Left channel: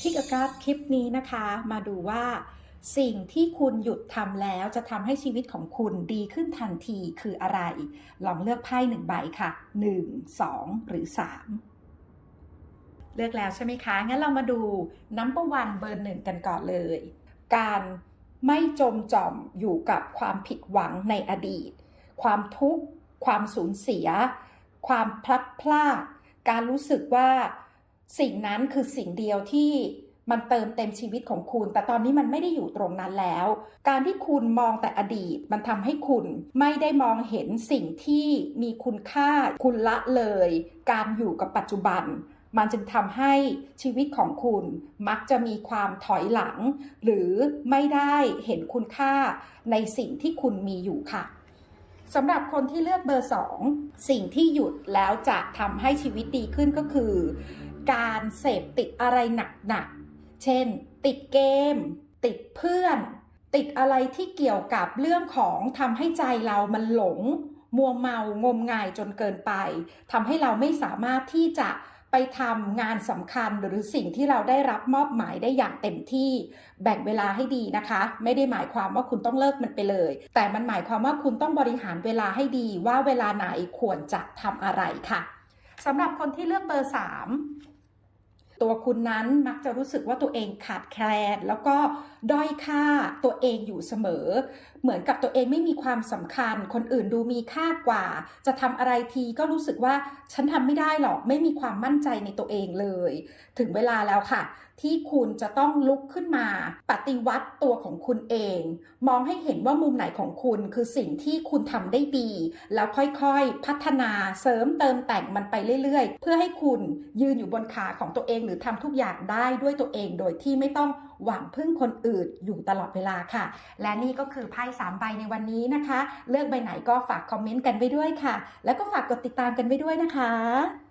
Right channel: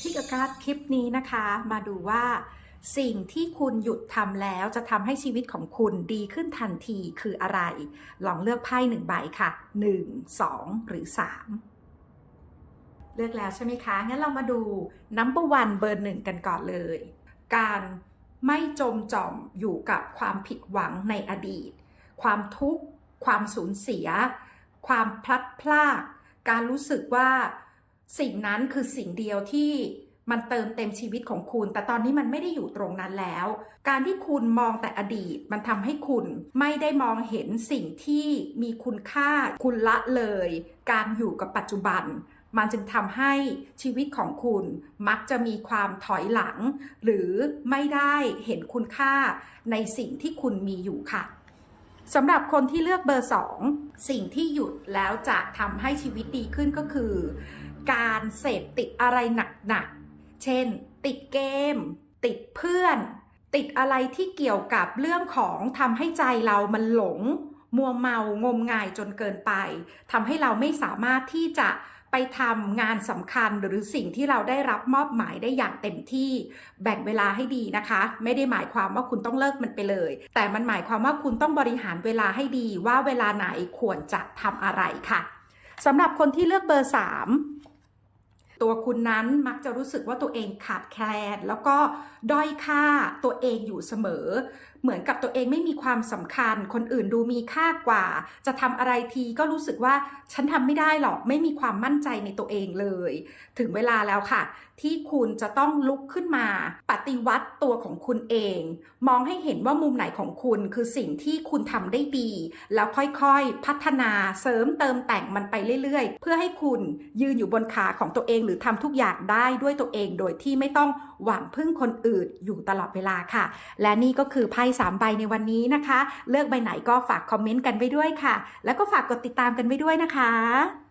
ที่กการคลิปนี้นะคะ มาดูว่า สิ่งที่คุณหยุดทำแล้วจะทำให้ชีวิตของคุณดีขึ้นทันทีคืออะไร ลองเลือกไพ่หนึ่งใบค่ะ 1 2 หรือ 3 เลือกแล้วใช่ไหมคะ งั้นเรามาดู number one เบอร์หนึ่งกันก่อนเลย การไม่จมจอมอยู่กับความผิดหวังในอดีต ความทุกข์ ความสูญเสีย ความพลัดพราก การรู้สึกว่า สิ่งนั้นคือสิ่งเดียวที่มันเติมเต็มชีวิตของคุณ แต่ตอนนี้มันไม่ได้อยู่ตรงนั้นแล้ว การที่คุณมองแต่อดีต มันทำให้คุณไม่ได้มองเห็นสิ่งที่มีคุณค่า คุณละเลย การอยู่กับปัจจุบัน มันจึงทำให้ชีวิตของคุณมักจะมีความถอยหลัง หรือไม่ได้เห็นคุณค่าในสิ่งที่คุณมีอยู่ค่ะสำหรับคนที่เลือกเบอร์2สิ่งที่หยุดแล้วจะทำให้ชีวิตดีขึ้นก็คือ การเสพติดอะไรหนักๆ เช่น ติดเกม ติดเพื่อน ติดอะไรที่เกี่ยวกับเรื่องของทำให้ใจเรามันหลง มัวเมางมงายจนเกินไปทำให้เราไม่สามารถที่จะไปทำงานสำคัญหรือสิ่งที่เราได้รับมอบหมายได้อย่างเต็มที่แบ่งเวลาให้ดีนะคะ ไม่ได้หมายความว่าคุณต้องเลิกมันไปเลย แต่มันหมายความว่าคุณต้องบริหารเวลาให้ดีว่าเวลาไหนควรจะทำอะไรค่ะสำหรับคนที่เลือกเบอร์ 3 ตัวคุณนั้นมักจะรู้สึกว่าตัวเองขาดแคลน แล้วก็ด้อยค่าตัวเองอยู่เสมอ เหมือนกับตัวเองไม่มีความสำคัญ คนอื่นดูมีค่ากว่า จะทำอะไรทีก็รู้สึกว่าฉันทำไม่ได้หรอกไม่มีความมั่นใจในตัวเองเลย ถึงเวลาแล้วค่ะ ที่คุณจะต้องลุกขึ้นมา ปฏิวัติตัวของคุณเอง มองให้เห็นว่ามุมไหนของคุณคือสิ่งที่คุณทำได้ดี แล้วค่อยๆ พัฒนาเสริมเติมแต่งมันไปเรื่อยๆ เพื่อให้คุณยืนอยู่บนขาของตัวเองหรือทำทุกอย่างได้ด้วยตัวเองโดยที่ไม่ต้องหวังพึ่งคนอื่นอยู่ตลอดเวลาค่ะ และนี่ก็คือไพ่สามใบในวันนี้นะคะ เลือกใบไหนก็ฝากคอมเมนต์กันไว้ด้วยค่ะ แล้วก็ฝากกดติดตามกันไว้ด้วยนะคะ